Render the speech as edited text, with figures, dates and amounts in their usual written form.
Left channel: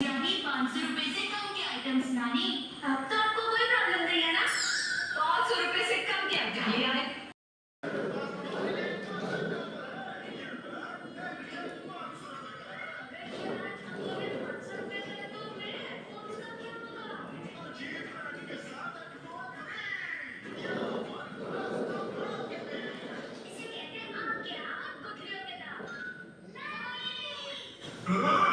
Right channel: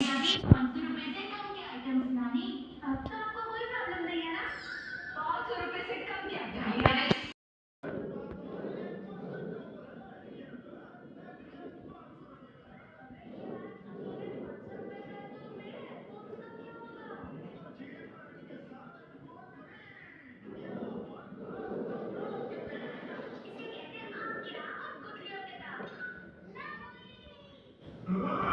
अभी 500 रुपए से कम के आइटम्स नानी। अब तो आपको कोई प्रॉब्लम नहीं है ना? 500 रुपए से कम के आइटम। इसे कहते हैं आम के गुठलियों के दाम। नहीं।